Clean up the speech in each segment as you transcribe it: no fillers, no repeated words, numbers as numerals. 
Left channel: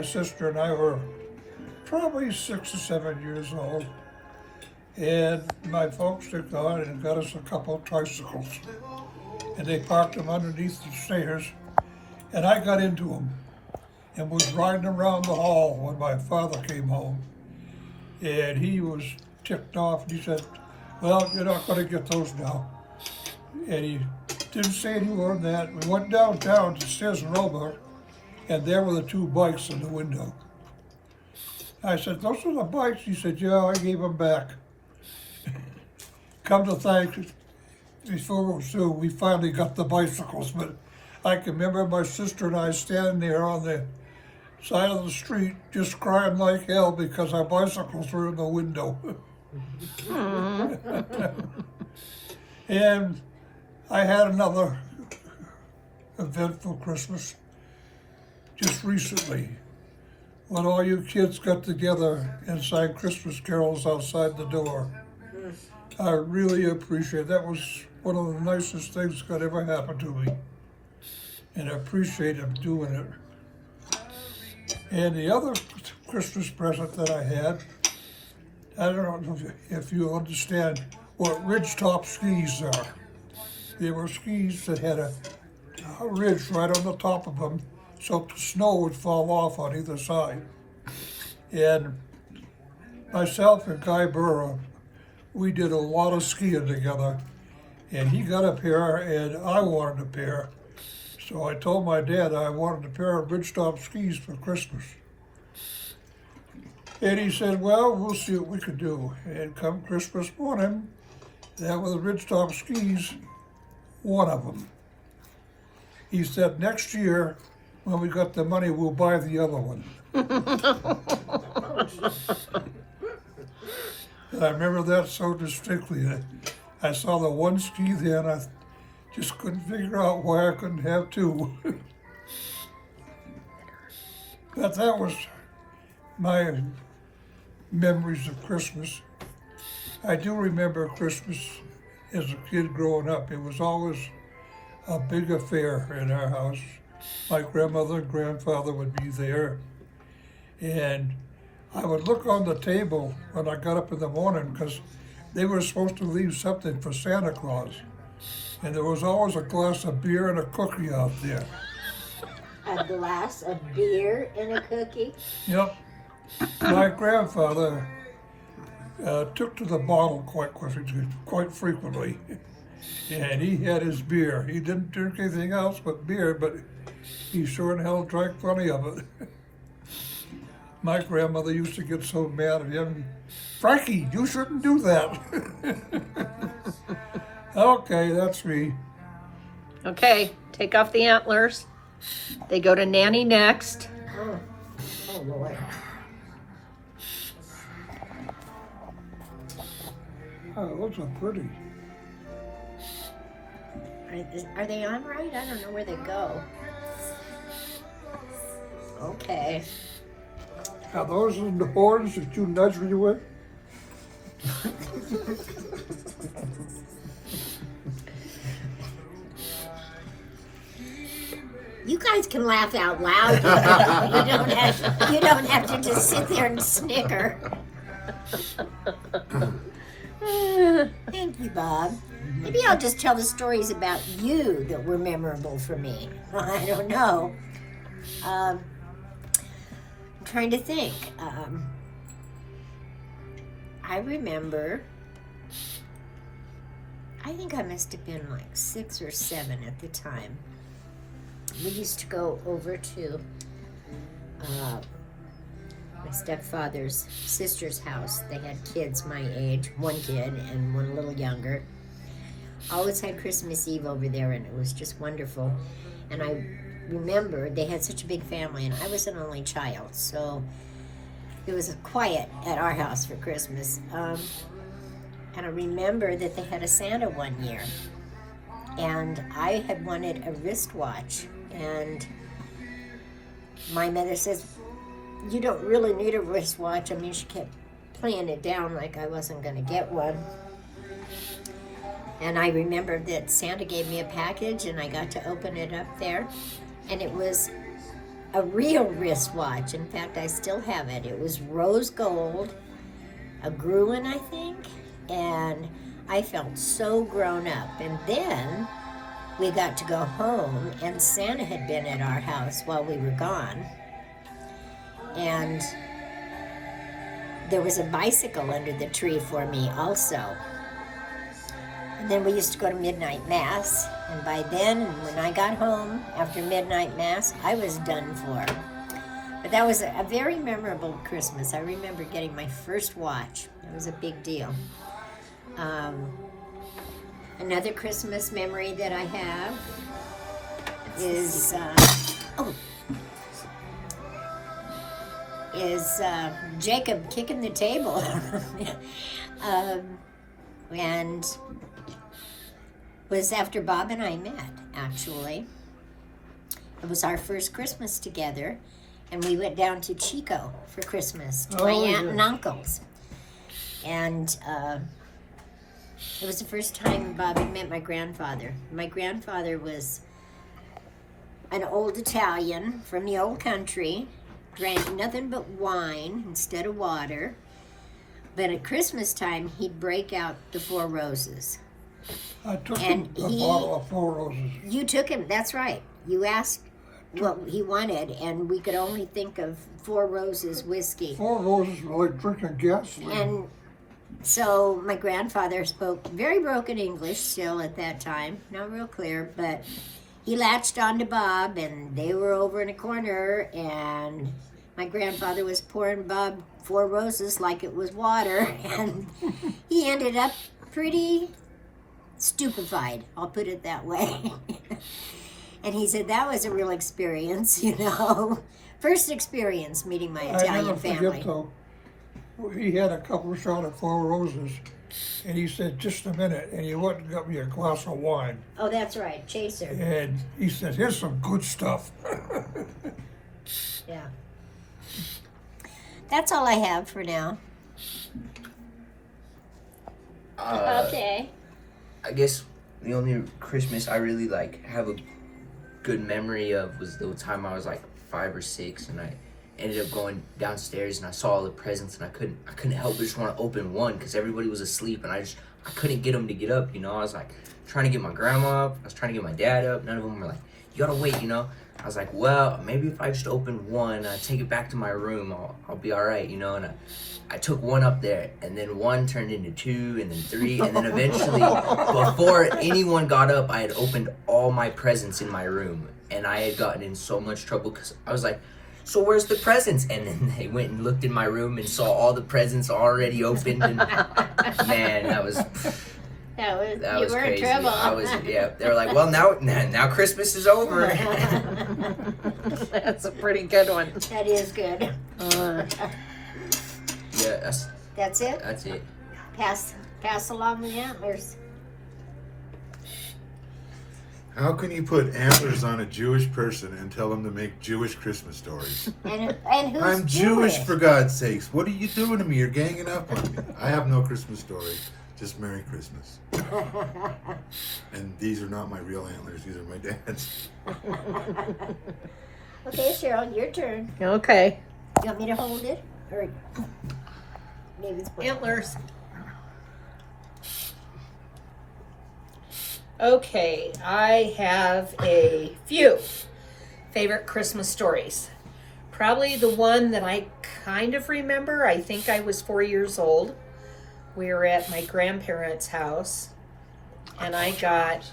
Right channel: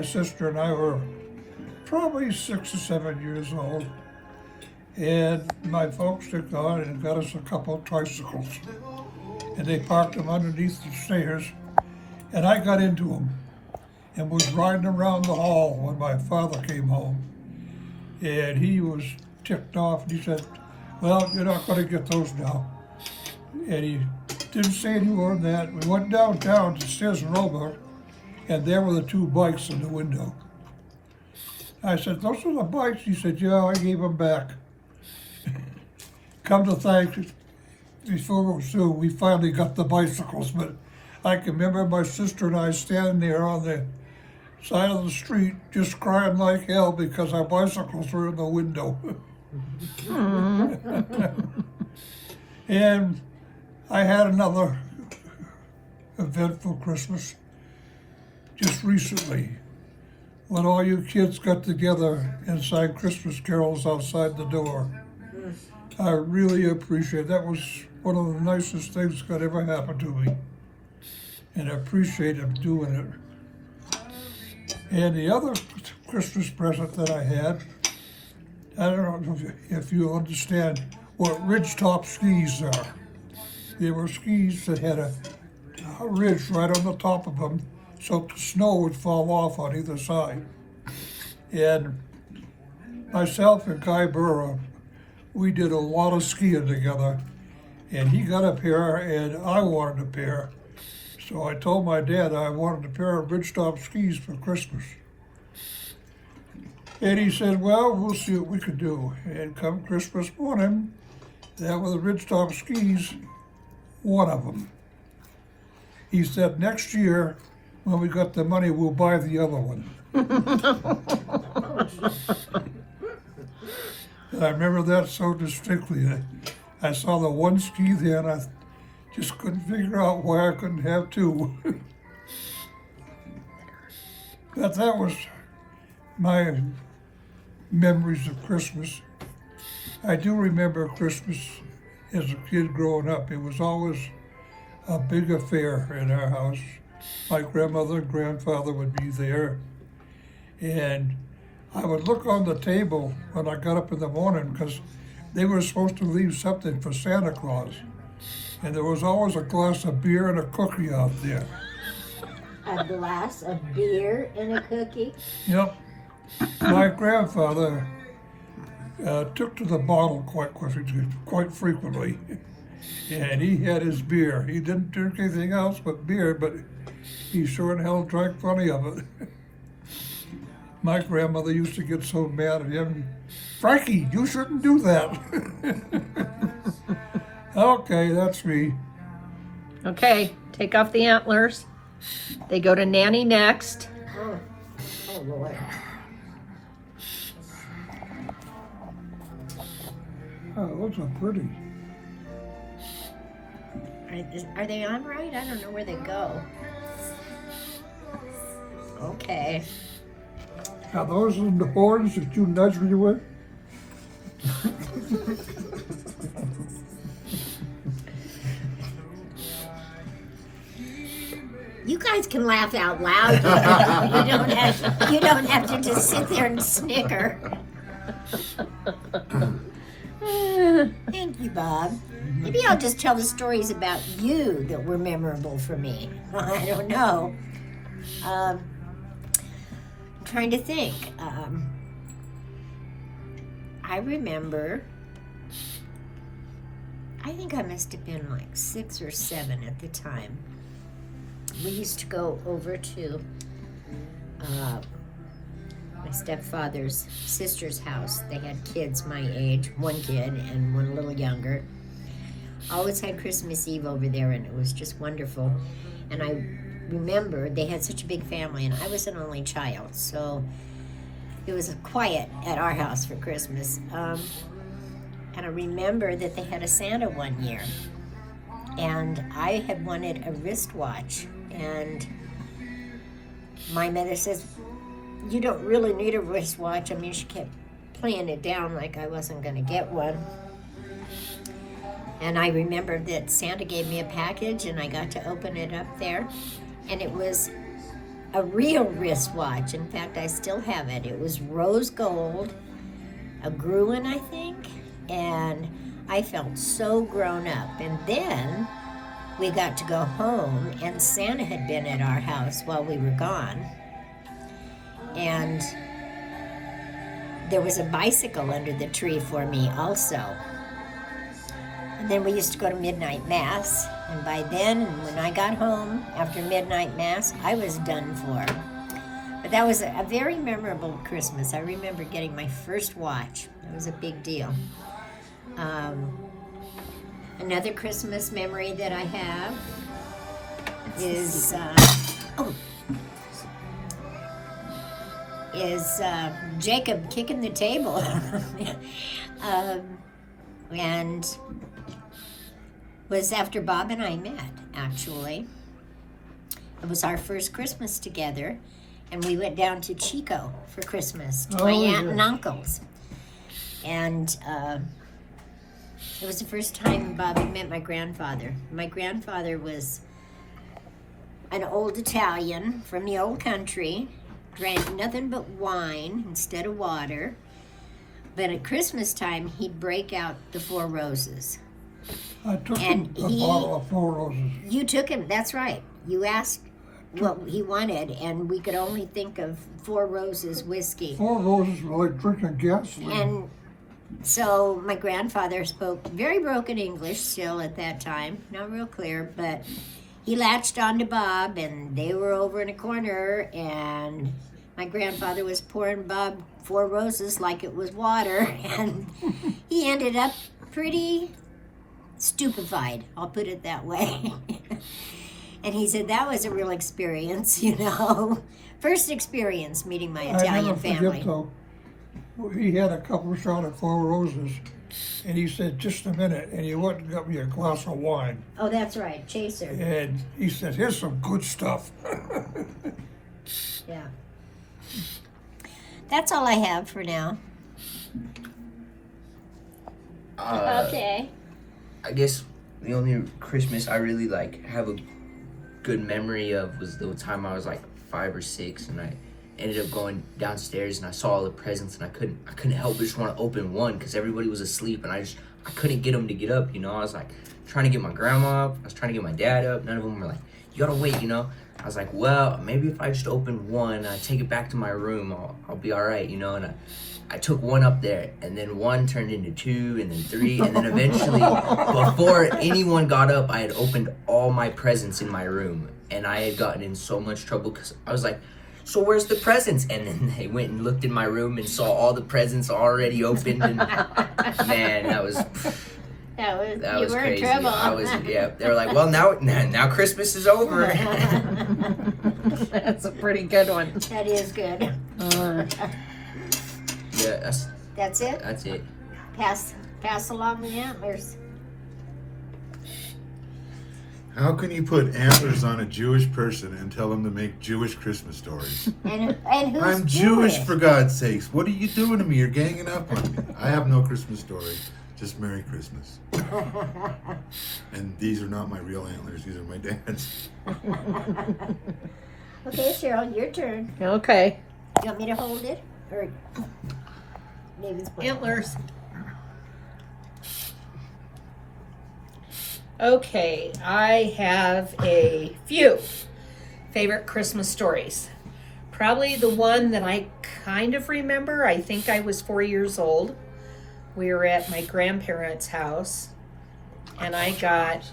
my sister and I were probably 6 or 7 years old, and my folks took on and got us a couple of tricycles, and they parked them underneath the stairs, and I got into them and was riding around the hall when my father came home, and he was ticked off, and he said, "Well, you're not going to get those now." And he didn't say any more than that. We went downtown to Sears Roebuck, and there were the two bikes in the window. I said, "Those are the bikes?" He said, "Yeah, I gave them back." Come to think, before so we finally got the bicycles, but I can remember my sister and I standing there on the side of the street just crying like hell because our bicycles were in the window. And I had another eventful Christmas just recently when all you kids got together and sang Christmas carols outside the door. I really appreciate it. That was one of the nicest things that ever happened to me, and I appreciated doing it. And the other Christmas present that I had, I don't know if you understand what ridgetop skis are. They were skis that had a ridge right on the top of them, so the snow would fall off on either side. And myself and Guy Burrow, we did a lot of skiing together, and he got a pair and I wanted a pair. So I told my dad I wanted a pair of ridgetop skis for Christmas. And he said, "Well, we'll see what we could do." And come Christmas morning, that was the ridgetop skis, one of them. He said, "Next year, when we got the money, we'll buy the other one." I remember that so distinctly. I saw the one ski there, and I just couldn't figure out why I couldn't have two. But that was my memories of Christmas. I do remember Christmas as a kid growing up. It was always a big affair in our house. My grandmother and grandfather would be there, and I would look on the table when I got up in the morning because they were supposed to leave something for Santa Claus. And there was always a glass of beer and a cookie out there. A glass of beer and a cookie? Yep. My grandfather took to the bottle quite frequently. And he had his beer. He didn't drink anything else but beer, but he sure in hell drank plenty of it. My grandmother used to get so mad at him. "Frankie, you shouldn't do that." Okay, that's me. Okay, take off the antlers. They go to Nanny next. Oh, those are pretty. Are they on right? I don't know where they go. Okay. Are those in the horns that you nudged me with? You guys can laugh out loud. You don't have to just sit there and snicker. Thank you, Bob. Maybe I'll just tell the stories about you that were memorable for me. I don't know. I'm trying to think. I remember, I think I must have been like 6 or 7 at the time. We used to go over to my stepfather's sister's house. They had kids my age, one kid and one a little younger. Always had Christmas Eve over there, and it was just wonderful. And I remember they had such a big family, and I was an only child, so it was quiet at our house for Christmas. And I remember that they had a Santa one year, and I had wanted a wristwatch, and my mother says, "You don't really need a wristwatch." I mean, she kept playing it down like I wasn't going to get one. And I remember that Santa gave me a package, and I got to open it up there, and it was a real wristwatch. In fact, I still have it. It was rose gold, a Gruen, I think, and I felt so grown up. And then we got to go home, and Santa had been at our house while we were gone. And there was a bicycle under the tree for me also. And then we used to go to midnight mass. And by then, when I got home after midnight mass, I was done for. But that was a very memorable Christmas. I remember getting my first watch. It was a big deal. Another Christmas memory that I have is Jacob kicking the table. And was after Bob and I met, actually. It was our first Christmas together, and we went down to Chico for Christmas to my aunt and uncle's. And it was the first time Bob had met my grandfather. My grandfather was an old Italian from the old country, drank nothing but wine instead of water. But at Christmas time, he'd break out the Four Roses. I took And a bottle of Four Roses. You took him, that's right. You asked what he wanted, and we could only think of Four Roses whiskey. Four Roses were like drinking gasoline. And so my grandfather spoke very broken English still at that time, not real clear, but he latched on to Bob, and they were over in a corner, and my grandfather was pouring Bob Four Roses like it was water, and he ended up pretty stupefied, I'll put it that way. And he said that was a real experience, you know. First experience meeting my Italian family. He had a couple shot of Four Roses, and he said, just a minute, and he went and got me a glass of wine. Oh, that's right, Chaser. And he said, here's some good stuff. Yeah. That's all I have for now. Okay. I guess the only Christmas I really have a good memory of was the time I was like 5 or 6, and I ended up going downstairs and I saw all the presents, and I couldn't help but just want to open one because everybody was asleep, and I couldn't get them to get up, you know. I was like trying to get my grandma up, I was trying to get my dad up. None of them were like, you gotta wait, you know. I was like, well, maybe if I just open one, I take it back to my room, I'll be all right, you know. And I took one up there, and then one turned into 2, and then 3, and then eventually, before anyone got up, I had opened all my presents in my room, and I had gotten in so much trouble because I was like, so where's the presents? And then they went and looked in my room and saw all the presents already opened, and man, that was crazy. They were like, well, now Christmas is over. That's a pretty good one. That is good. Yeah, That's it? that's it. Pass along the antlers. How can you put antlers on a Jewish person and tell them to make Jewish Christmas stories? And who's I'm Jewish, for God's sakes. What are you doing to me? You're ganging up on me. I have no Christmas story. Just Merry Christmas. And these are not my real antlers. These are my dad's. Okay, Cheryl, your turn. Okay. You want me to hold it? Or Antlers. Okay, I have a few favorite Christmas stories. Probably the one that I kind of remember, I think I was 4 years old. We were at my grandparents' house, and I got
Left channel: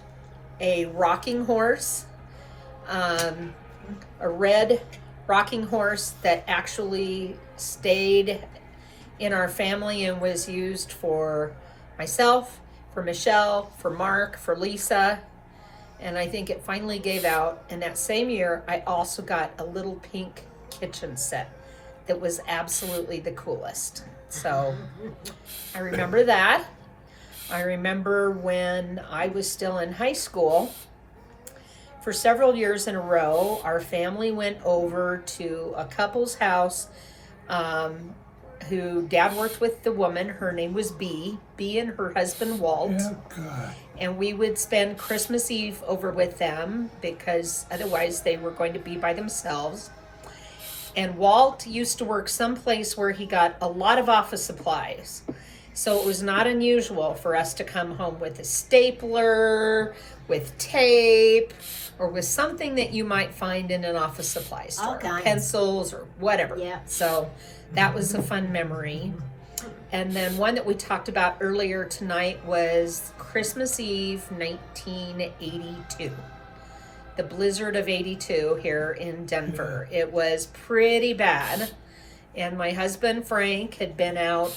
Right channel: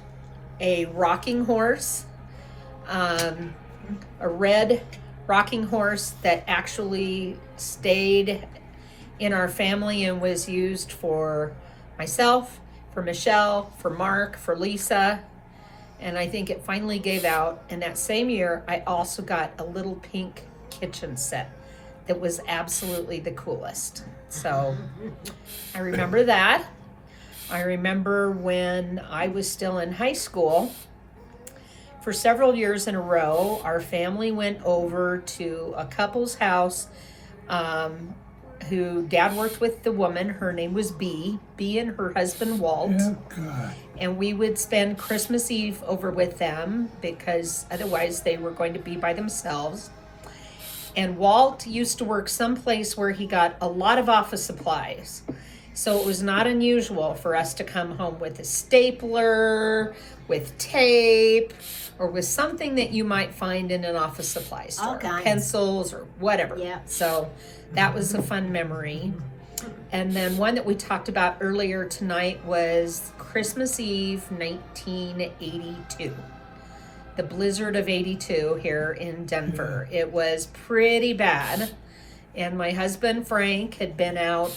a rocking horse, a red rocking horse that actually stayed in our family and was used for myself, for Michelle, for Mark, for Lisa, and I think it finally gave out. And that same year, I also got a little pink kitchen set that was absolutely the coolest. So I remember that. I remember when I was still in high school, for several years in a row, our family went over to a couple's house who Dad worked with the woman. Her name was Bee and her husband Walt. Oh, God. And we would spend Christmas Eve over with them because otherwise they were going to be by themselves. And Walt used to work someplace where he got a lot of office supplies. So it was not unusual for us to come home with a stapler, with tape, or with something that you might find in an office supply store. All kinds. Pencils or whatever. Yeah. So that was a fun memory. And then one that we talked about earlier tonight was Christmas Eve 1982. The blizzard of 82 here in Denver. It was pretty bad. And my husband Frank had been out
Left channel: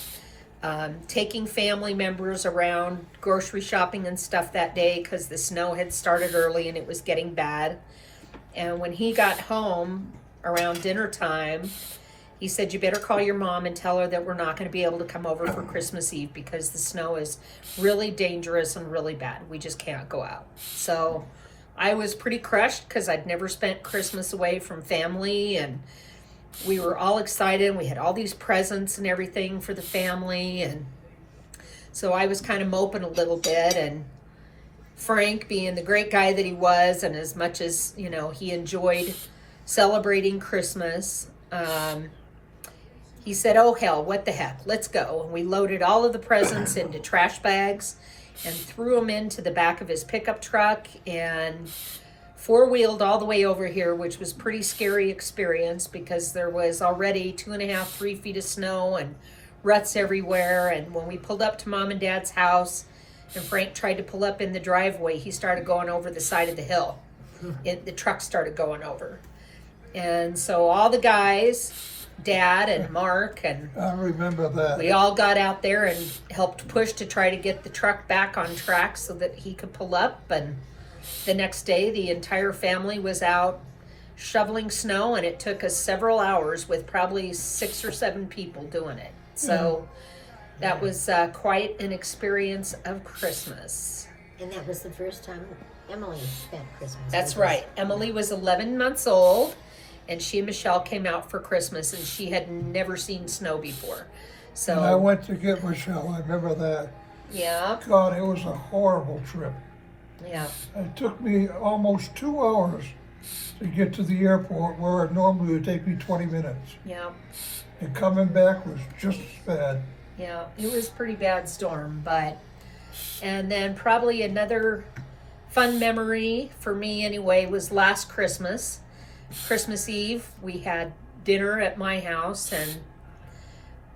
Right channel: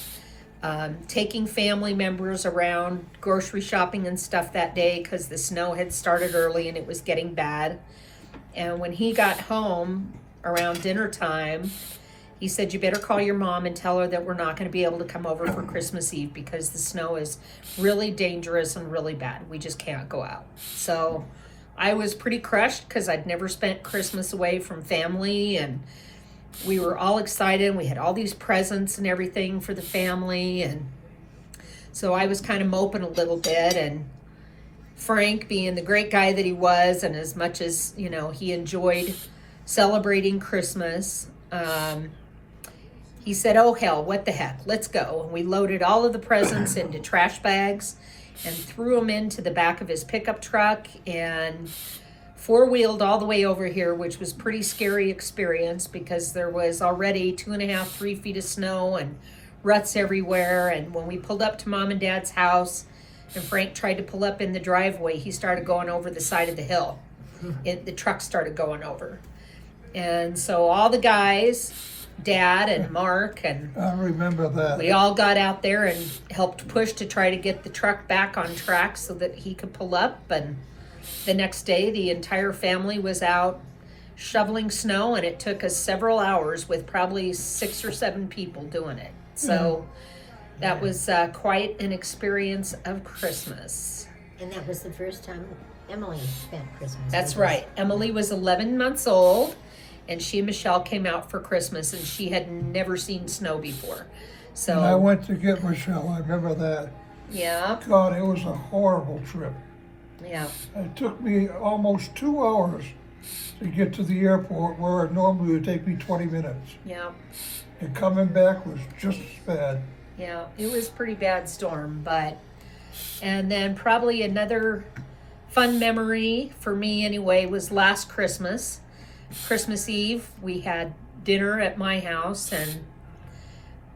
taking family members around grocery shopping and stuff that day because the snow had started early and it was getting bad. And when he got home around dinner time, he said, you better call your mom and tell her that we're not going to be able to come over for Christmas Eve because the snow is really dangerous and really bad. We just can't go out. So I was pretty crushed because I'd never spent Christmas away from family, and we were all excited. We had all these presents and everything for the family, and so I was kind of moping a little bit. And Frank, being the great guy that he was, and as much as, you know, he enjoyed celebrating Christmas, he said, oh hell, what the heck, let's go. And we loaded all of the presents into trash bags and threw them into the back of his pickup truck and four-wheeled all the way over here, which was a pretty scary experience because there was already 2.5, 3 feet of snow and ruts everywhere. And when we pulled up to Mom and Dad's house and Frank tried to pull up in the driveway, he started going over the side of the hill. The truck started going over. And so all the guys, Dad and Mark, and I remember that. we all got out there and helped push to try to get the truck back on track so that he could pull up. And the next day, the entire family was out shoveling snow, and it took us several hours with probably 6 or 7 people doing it. So that was quite an experience of Christmas. And that was the first time Emily spent Christmas. That's with us. right. Emily was 11 months old, and she and Michelle came out for Christmas, and she had never seen snow before. So, And I went to get Michelle, I remember that. yeah, God, it was a horrible trip. yeah. It took me almost 2 hours to get to the airport where it normally would take me 20 minutes. Yeah, And coming back was just as bad. yeah, it was a pretty bad storm, and then probably another fun memory for me anyway was last Christmas. Christmas Eve, we had dinner at my house, and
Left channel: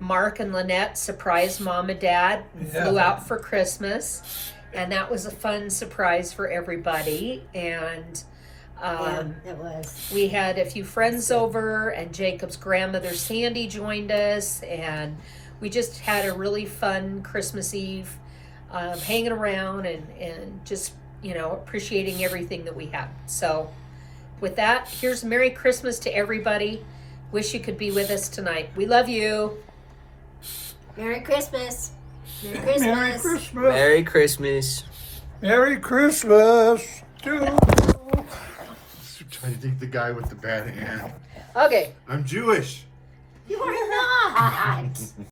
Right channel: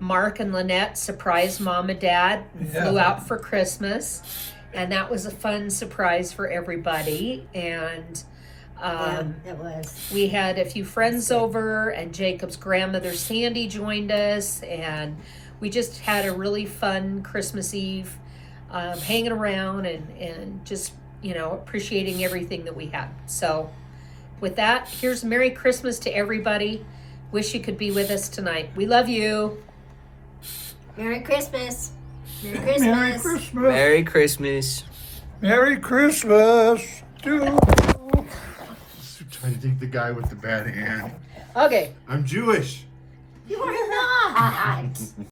Mark and Lynette surprised Mom and Dad and flew Yeah. out for Christmas, and that was a fun surprise for everybody. And That was. we had a few friends over, and Jacob's grandmother Sandy joined us, and we just had a really fun Christmas Eve, hanging around and just, you know, appreciating everything that we had. So with that, here's Merry Christmas to everybody. Wish you could be with us tonight. We love you. Merry Christmas. Merry Christmas. Merry Christmas. Merry Christmas. Merry Christmas. Changing the guy with the bad hand. Okay. I'm Jewish. You're not.